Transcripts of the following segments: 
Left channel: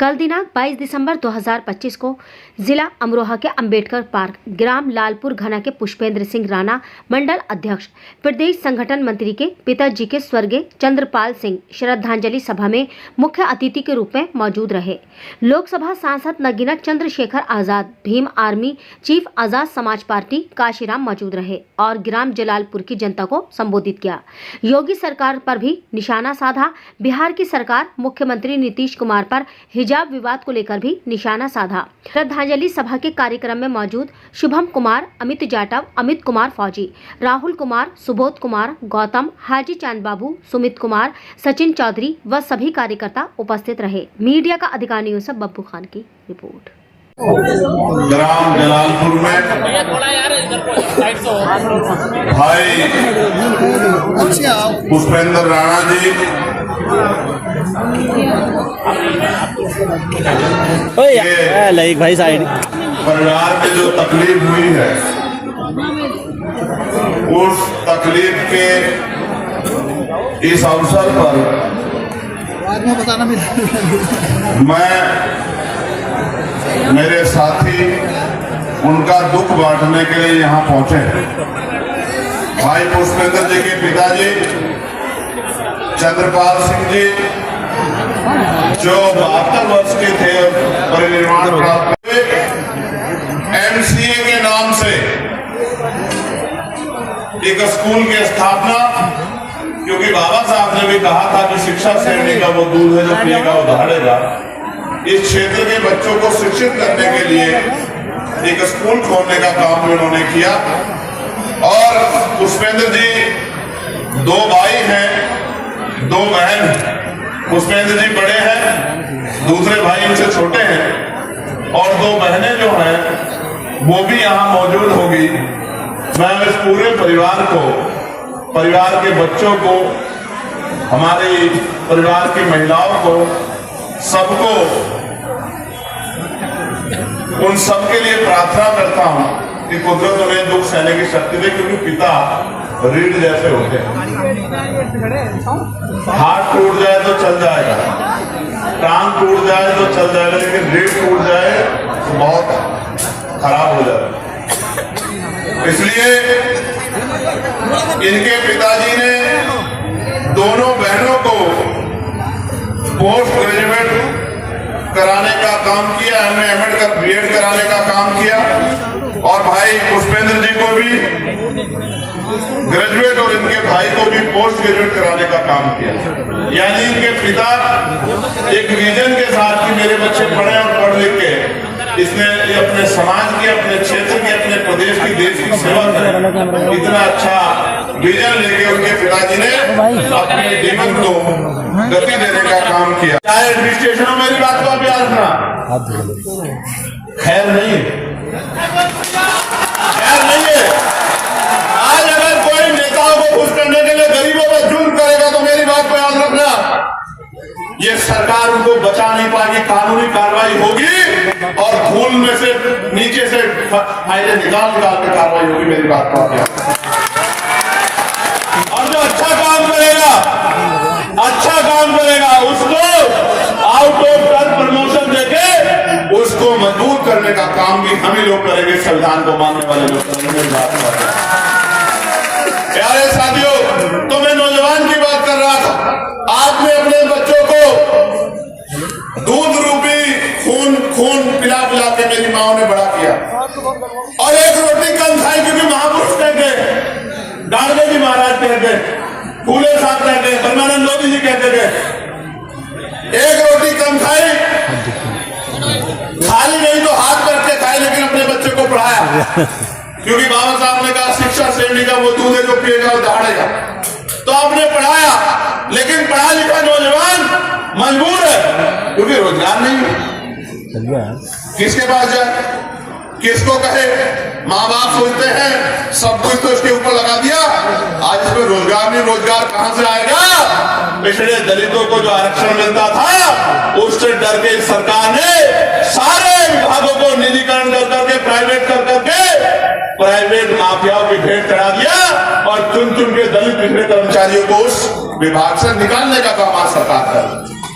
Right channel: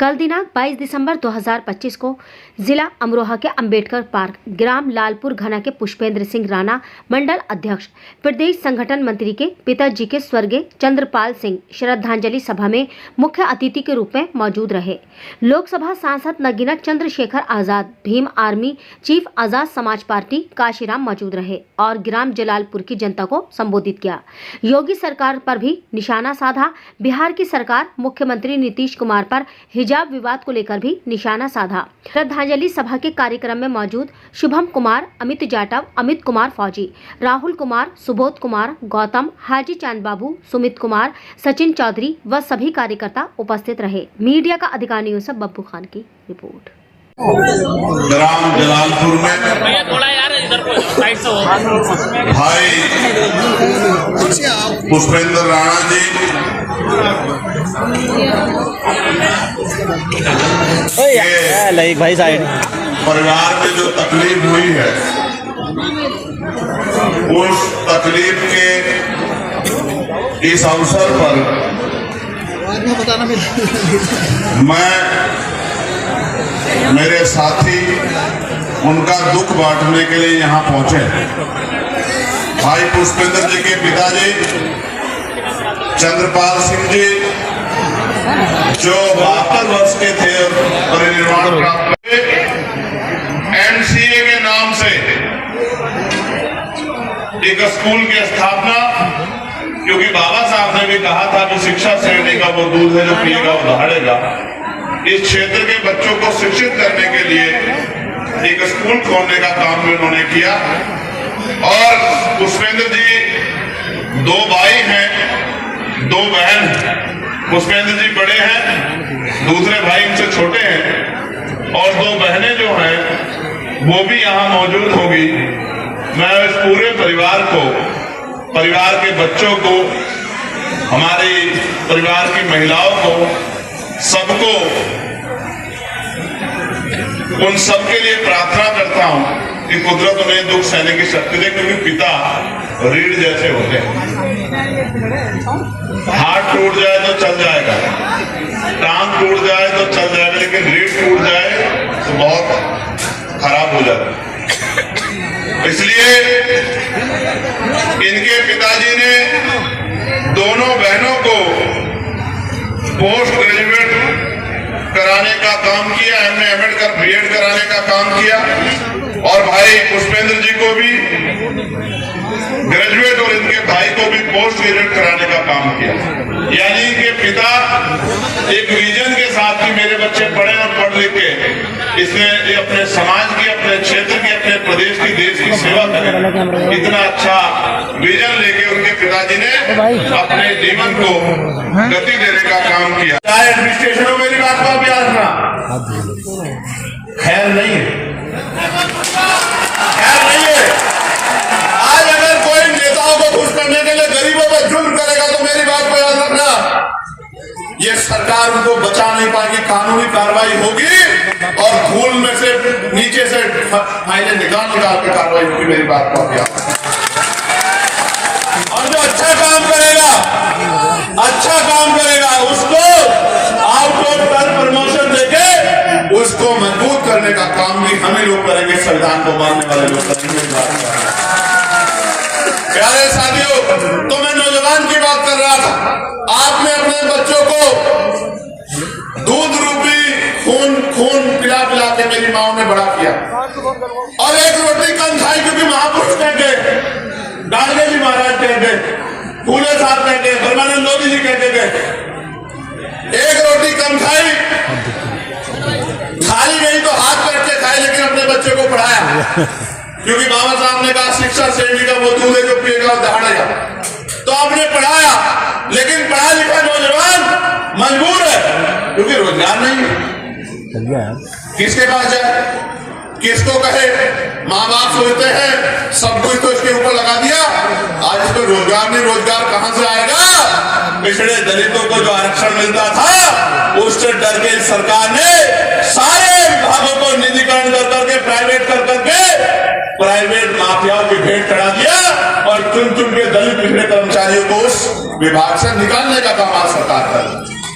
कल दिनांक 22 दिसंबर 2025 को जिला अमरोहा के अंबेडकर पार्क ग्राम लालपुर घना के पुष्पेंद्र सिंह राणा मंडल अध्यक्ष प्रदेश संगठन मंत्री के पिताजी के स्वर्गीय चंद्रपाल सिंह श्रद्धांजलि सभा में मुख्य अतिथि के रूप में मौजूद रहे। लोकसभा सांसद Nagina Chandrashekhar Azad, Bhim army chief, Azad Samaj party Kashiram मौजूद रहे और ग्राम जलालपुर की जनता को संबोधित किया। योगी सरकार पर भी निशाना साधा। बिहार की सरकार मुख्यमंत्री नीतीश कुमार पर हिजाब विवाद को लेकर भी निशाना साधा। श्रद्धांजलि सभा के कार्यक्रम में मौजूद शुभम कुमार, अमित जाटव, अमित कुमार फौजी, राहुल कुमार, सुबोध कुमार, गौतम, हाजी चांद बाबू, सुमित कुमार, सचिन चौधरी व सभी कार्यकर्ता उपस्थित रहे। मीडिया का अधिकार न्यूज़ से बब्बू खान की रिपोर्ट। ग्राम जलालपुर में भाई पुष्पेंद्र राणा जी भाई साहब परिवार में जो तकलीफ हुई है, उस तकलीफ के इस अवसर पर मैं मेरे साथी उनका दुख बांटने के लिए यहाँ पहुंचे। भाई पुष्पेंद्र जी के पिताजी चंद्रपाल सिंह जी जो 72 वर्ष के थे और परिनिर्वाण प्राप्त हुए, एनसीए के नाम से एक स्कूल की स्थापना, क्योंकि बाबा साहब ने भी कहा था कि शिक्षा श्रेणी का वो दूध है जो पिएगा वो दहाड़ेगा। इस क्षेत्र के बच्चों को शिक्षित करने के लिए एक स्कूल खोलने का काम भी उन्होंने किया। और पुष्पेंद्र जी 2 भाई हैं, 2 बहन। पुष्पेंद्र जी बड़े हैं, दूसरे भाई उनसे छोटे हैं और 2 बहनें जो हैं वो भी यहाँ मौजूद होगी। मैं इस पूरे परिवार को, परिवार के बच्चों को, हमारे परिवार की महिलाओं को, सबको, उन सबके लिए प्रार्थना करता हूं कि कुदरत उन्हें दुख सहने की शक्ति दे, क्योंकि पिता रीढ़ जैसे होते हैं। हाथ टूट जाए तो चल जाएगा, टांग टूट जाए तो चल जाएगा, लेकिन रीढ़ टूट जाए तो बहुत खराब हो जाता है। इसलिए इनके पिताजी ने दोनों बहनों को पोस्ट ग्रेजुएट कराने का काम किया, एमए का बीएड कराने का काम किया और भाई पुष्पेंद्र जी को भी ग्रेजुएट और इनके भाई को भी पोस्ट ग्रेजुएट कराने का काम किया। यानी इनके पिता एक विजन के साथ कि मेरे बच्चे पढ़े और पढ़ लिख के इसने अपने समाज की, अपने क्षेत्र की, अपने प्रदेश की, देश की सेवा करें, इतना अच्छा विजन लेके उनके पिताजी ने अपने जीवन को गति देने का काम किया। चाहे एडमिनिस्ट्रेशन में मेरी बात को आप याद रखना, खैर नहीं है, खैर नहीं है। आज अगर कोई नेताओं को खुश करने के लिए गरीबों पर जुल्म करेगा तो मेरी बात को याद रखना, ये सरकार उनको बचा नहीं पाएगी, कानूनी कार्रवाई होगी और धूल में से नीचे से फाइलें निकाल के कार्रवाई होगी। मेरी बात को याद रखना। और जो अच्छा काम करेगा उसको आउट ऑफ टर्न प्रमोशन देके उसको मजबूत करने का काम भी हम ही लोग करेंगे, संविधान को मानने वाले लोग करेंगे। प्यारे साथियों, तो मैं नौजवान की बात कर रहा था। आपने अपने बच्चों को दूध रूपी खून पिला के मेरी माओ ने बड़ा किया और एक रोटी कम खाई, क्योंकि महापुरुष कहते, गांधी जी महाराज कहते, फूले साहब कहते, परमानंद लोधी जी कहते थे, एक रोटी कम खाई, खाली नहीं तो हाथ पैर के खाई, लेकिन अपने बच्चे को पढ़ाया, क्योंकि बाबा साहब ने कहा शिक्षा श्रेणी का वो दूध है जो पिएगा और दहाड़ेगा। तो आपने पढ़ाया, लेकिन पढ़ा लिखा नौजवान मजबूर है क्योंकि रोजगार नहीं है। किसके पास जाए, किसको कहे? माँ बाप सोचते हैं सब कुछ तो इसके ऊपर लगा दिया, आज इसमें रोजगार नहीं, रोजगार कहां से आएगा? पिछड़े दलितों को जो आरक्षण मिलता था उससे डर के सरकार ने सारे विभागों को निजीकरण कर करके, प्राइवेट कर करके, प्राइवेट माफियाओं की भेंट चढ़ा दिया और चुन चुन के दलित पिछड़े कर्मचारियों को उस विभाग से निकालने का काम आज सरकार कर।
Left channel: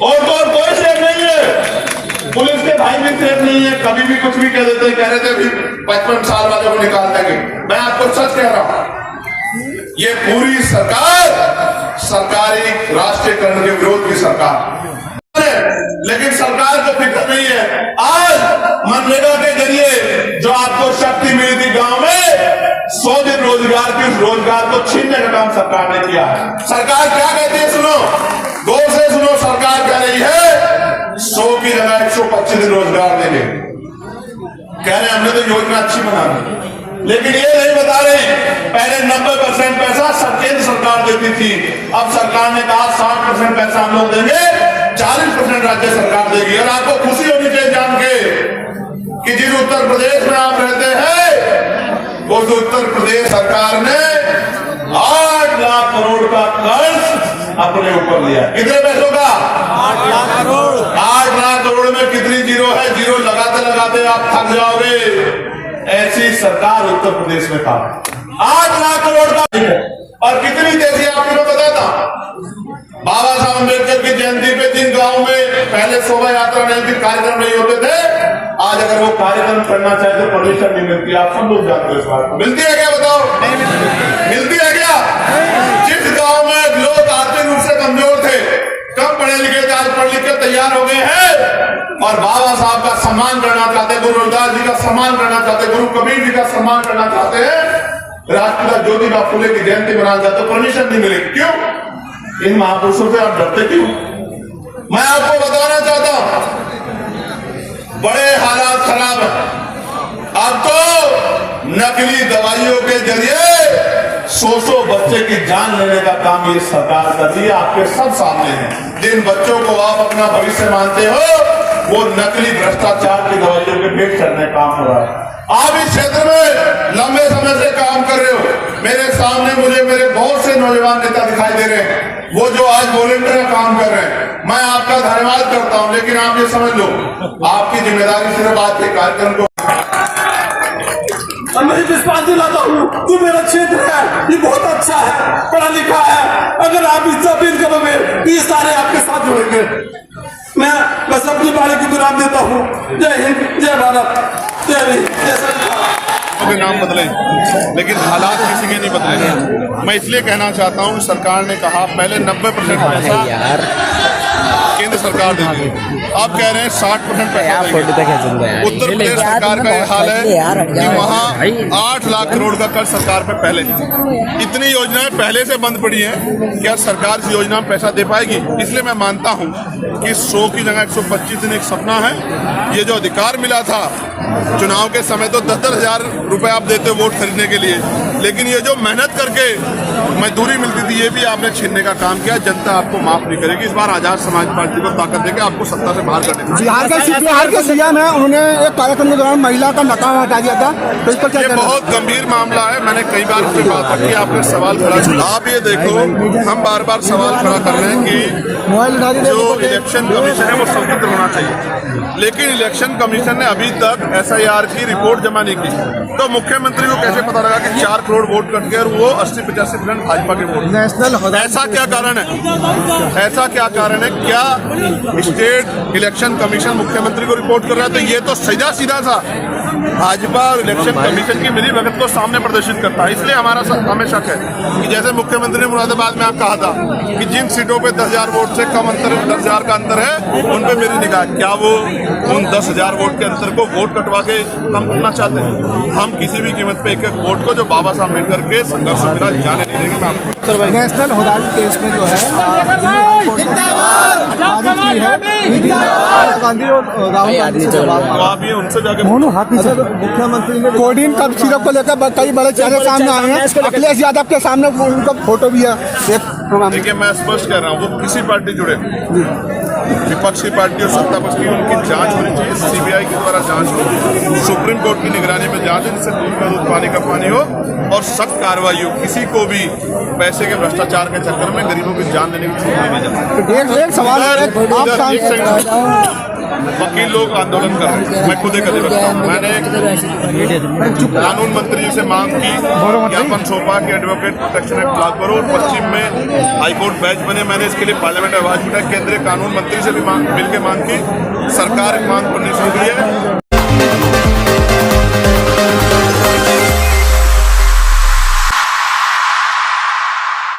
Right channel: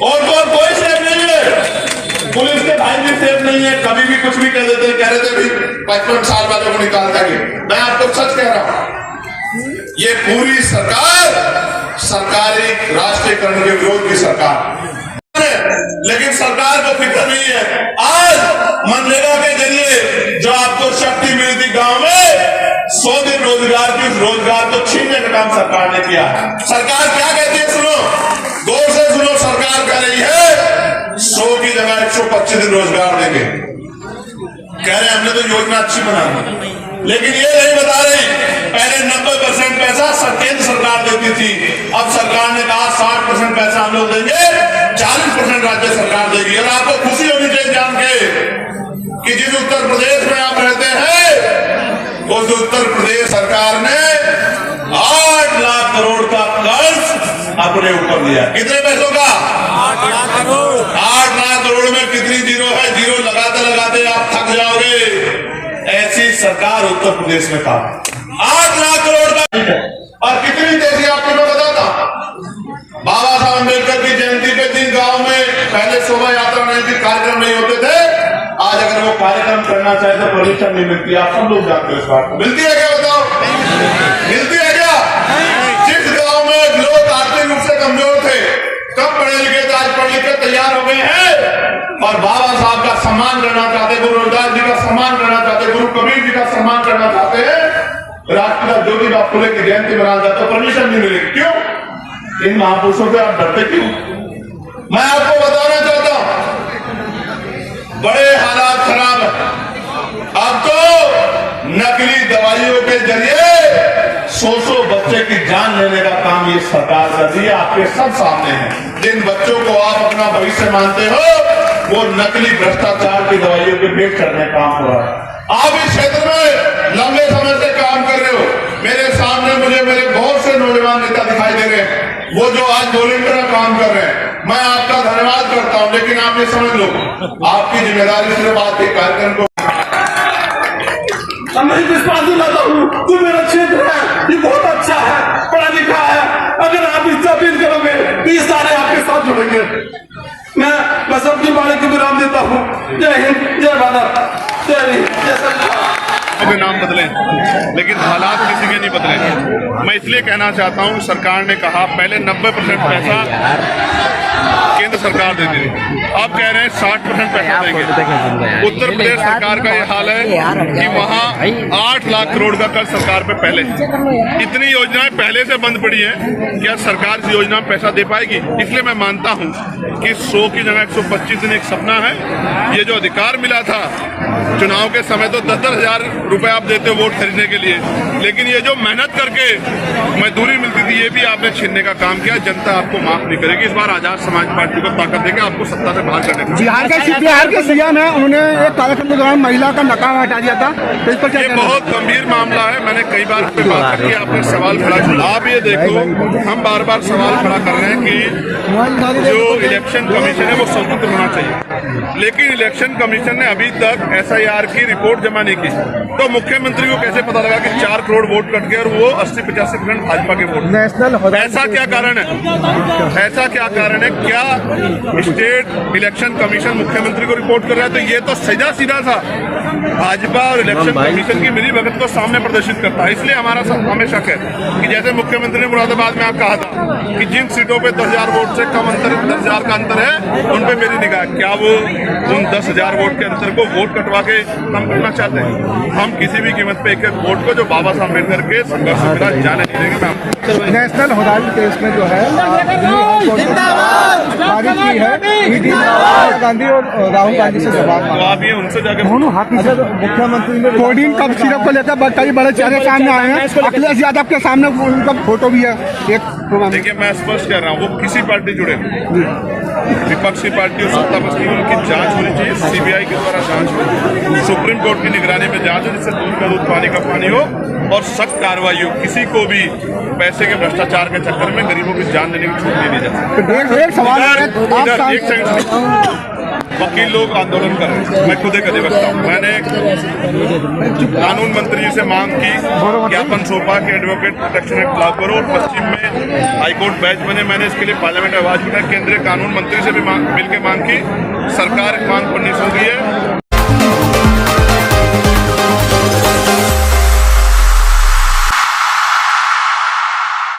और तो कोई स्टेप नहीं है। पुलिस के भाई भी सेफ नहीं है, कभी भी कुछ भी कह देते हैं। कह रहे थे भी 55 साल वाले को निकाल देंगे। मैं आपको सच कह रहा हूं, ये पूरी सरकार सरकारी राष्ट्रीयकरण के विरोध की सरकार, लेकिन सरकार को फिक्र नहीं है। आज मनरेगा के जरिए जो आपको शक्ति मिली थी गांव में, 100 दिन रोजगार की, उस रोजगार को छीनने का काम सरकार ने किया। सरकार क्या कहती है सुनो, गौर से सुनो। सरकार कह रही है 100 की जगह 125 दिन रोजगार देंगे। कह रहे हमने तो योजना अच्छी बना दी, लेकिन ये नहीं बता रही पहले 90% पैसा केंद्र सरकार देती थी, अब सरकार ने कहा 60% पैसा हम लोग देंगे, 40% राज्य सरकार देगी। और आपको खुशी होनी चाहिए जान के कि जिस उत्तर प्रदेश में आप रहते हैं, उस उत्तर प्रदेश सरकार ने 8 लाख करोड़ का कर्ज अपने ऊपर लिया। कितने पैसों का? 8 लाख करोड़। 8 लाख करोड़ में कितनी जीरो है? जीरो लगाते लगाते आप थक जाओगे। ऐसी सरकार उत्तर प्रदेश में था। 8 लाख करोड़ का, और कितनी तेजी आपको मैं बताता। बाबा साहब अम्बेडकर की जयंती पे जिन गांव में पहले शोभा यात्रा नहीं थी, कार्यक्रम नहीं होते थे, आज अगर वो कार्यक्रम करना चाहे तो परमिशन नहीं मिलती। आप सब लोग जानते हो इस बात को। मिलती है क्या? बताओ, मिलती है क्या? जिस गांव में लोग आर्थिक रूप से कमजोर थे, कम पढ़े लिखे थे, आज पढ़ लिख के तैयार हो गए हैं और बाबा साहब का सम्मान करना चाहते, गुरु रविदास जी का सम्मान करना चाहते, गुरु कबीर जी का सम्मान करना चाहते हैं, राष्ट्रपिता ज्योतिबा फुले की जयंती मनाना चाहते, तो परमिशन नहीं मिलेगी। क्यों? इन महापुरुषों से आप डरते क्यों? मैं आपको बताना चाहता हूं, बड़े हालात खराब है। अब तो नकली दवाइयों के जरिए 100 बच्चे की जान लेने का काम ये सरकार कर रही है। आपके सब सामने है। जिन बच्चों को आप अपना भविष्य मानते हो, वो नकली भ्रष्टाचार की दवाइयों पे भेंट करने का काम हो रहा है। आप इस क्षेत्र में लंबे समय से काम कर रहे हो। मेरे सामने मुझे मेरे बहुत से नौजवान नेता दिखाई दे रहे हैं, वो जो आज वॉलेंटियर काम कर रहे हैं। मैं आपका धन्यवाद करता हूं, लेकिन आप ये समझ लो, आपकी जिम्मेदारी सिर्फ आज के कार्यक्रम को मैं विश्वास दिलाता हूँ, तू मेरा क्षेत्र है, ये बहुत अच्छा है, पढ़ा लिखा है। अगर आप इससे अपील करोगे तो ये सारे आपके साथ जुड़ेंगे। मैं बस अपनी बाणी को विराम देता हूँ। जय हिंद, जय भारत, जय भीम, जय सरकार। अभी नाम बदले, लेकिन हालात किसी के नहीं बदले। मैं इसलिए कहना चाहता हूँ, सरकार ने कहा पहले 90% पैसा केंद्र सरकार देती थी, अब कह रहे हैं 60% पैसा देंगे। उत्तर प्रदेश सरकार का ये हाल है कि वहाँ 8 लाख करोड़ का कर्ज सरकार पे पहले। इतनी योजनाएं पहले से बंद पड़ी हैं, क्या सरकार इस योजना में पैसा दे पाएगी? इसलिए मैं मानता हूँ कि 100 की जगह 125 दिन एक सपना है। ये जो अधिकार मिला था चुनाव के समय, तो 10-10 हजार रुपए आप देते हो वोट खरीदने के लिए, लेकिन ये जो मेहनत करके मजदूरी मिलती थी, ये भी आपने छीनने का काम किया। जनता आपको माफ नहीं करेगी। इस बार आजाद समाज पार्टी को ताकत देके आपको सत्ता से बाहर करने का। बिहार के सीएम है, उन्होंने एक कार्यक्रम के दौरान महिला का नकाब हटा दिया था, तो इस पर क्या? ये बहुत गंभीर मामला है। मैंने कई बार इस पर बात रखी, आपने सवाल खड़ा किया। आप ये देखो, हम बार बार सवाल खड़ा कर रहे हैं कि जो इलेक्शन कमीशन है वो स्वतंत्र होना चाहिए, लेकिन इलेक्शन कमीशन ने अभी तक SIR की रिपोर्ट जमा नहीं की। तो मुख्यमंत्री को कैसे पता लगा कि 4 करोड़ वोट कट गए और वो 80-85% भाजपा के वोट? ऐसा क्या कारण है? ऐसा क्या कारण है? क्या स्टेट इलेक्शन कमीशन मुख्यमंत्री को रिपोर्ट कर रहा है? तो ये तो सीधा सीधा सा भाजपा और इलेक्शन कमीशन की मिली भगत को सामने प्रदर्शित करता है। इसलिए हमारा हमें शक है कि जैसे मुख्यमंत्री ने मुरादाबाद में आप कहा था कि जिन सीटों पे 10,000 वोट से कम अंतर, 10,000 का अंतर है, उन पे मेरी निगाह। क्या वो उन 10,000 वोट के अंतर को वोट कटवा के कम करना चाहते हैं? हम किसी भी कीमत पे एक वोट को जो बाबा साहब अम्बेडकर के संघर्ष से मिला जाने नहीं देंगे। मैं आपको नेशनल होदारी केस में जो है तारीख की है, राहुल गांधी और राहुल गांधी से जवाब। तो आप ये उनसे जाके मुख्यमंत्री ने कोडिन का सिरप को लेकर कई बड़े चेहरे सामने आए हैं। अखिलेश यादव के सामने उनका फोटो भी है एक प्रोग्राम। देखिए, मैं स्पष्ट कह रहा हूँ, वो किसी पार्टी जुड़े, विपक्षी पार्टी और सत्ता पक्ष की, उनकी जांच होनी चाहिए। CBI के द्वारा जांच हो, सुप्रीम कोर्ट की निगरानी में जांच हो, जिससे दूध का दूध पानी का पानी हो और सख्त कार्रवाई हो। किसी को भी पैसे के भ्रष्टाचार के चक्कर में गरीबों की जान देने की छूट नहीं दी जाती। एक सवाल है, एक सेकंड, वकील लोग आंदोलन कर रहे हैं। मैं खुद एक अधिवक्ता हूँ। मैंने कानून मंत्री से मांग की ज्ञापन सौंपा कि एडवोकेट प्रोटेक्शन एक्ट लागू करो और पश्चिम में हाईकोर्ट बेंच बने। मैंने इसके लिए पार्लियामेंट आवाज उठाई, केंद्रीय कानून मंत्री से भी मिलकर मांग की। सरकार इस मांग पर नहीं सुन रही है।